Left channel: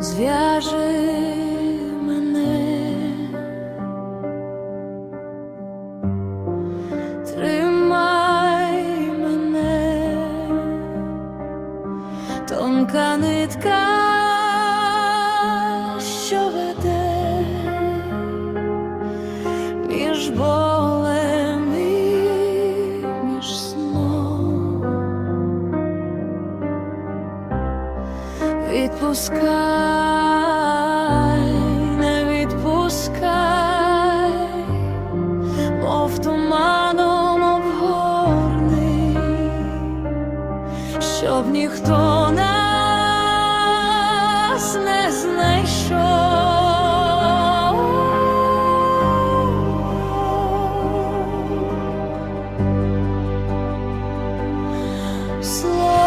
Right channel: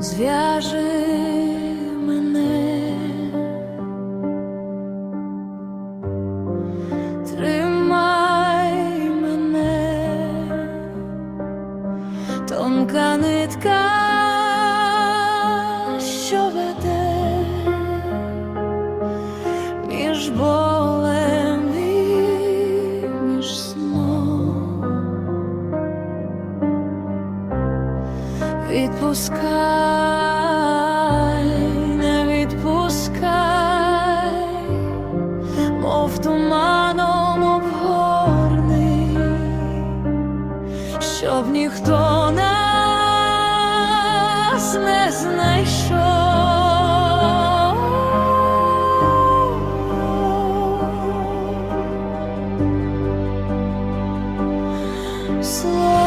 зв'яжи мене, тримай мене, тонка нитка, що веде між болем Відпускай, не відпускай, мов туманом обгорний, щоб ніхто нас не знайшов. Слова,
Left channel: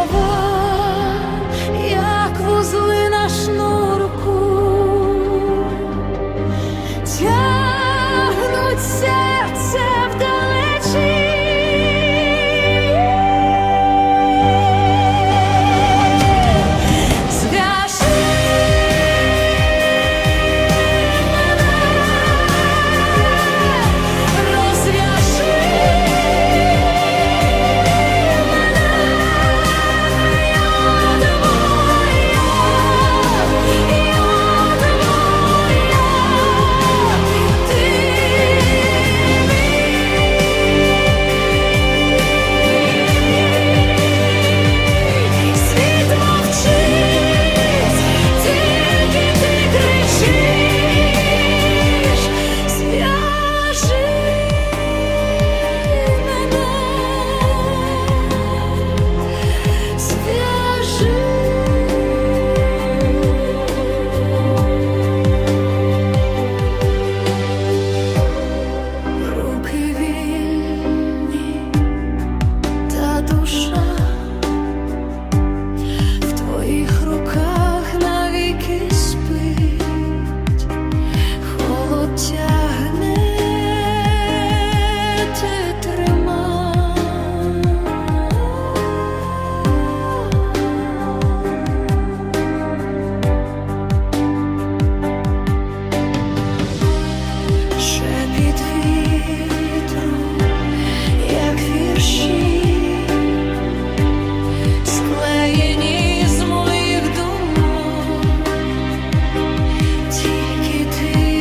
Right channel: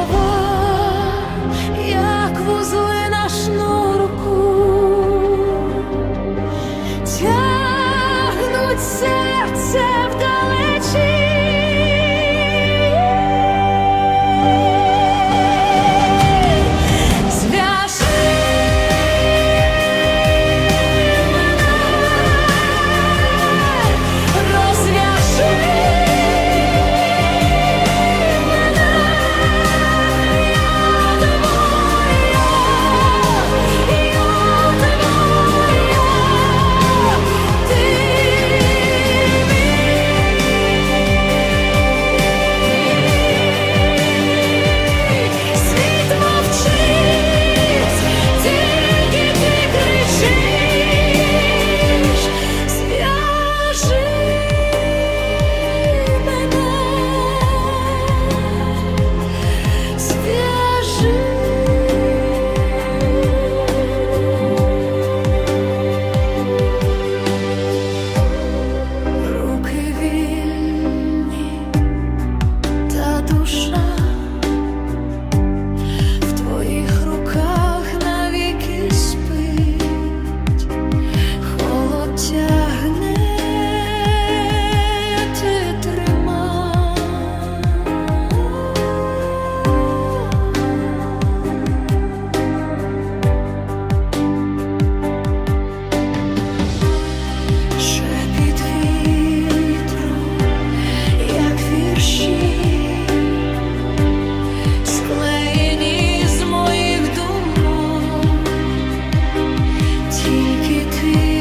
душа в твоїх руках навіки спить, холод тягне, ти тримай. Шепіт вітру, tears.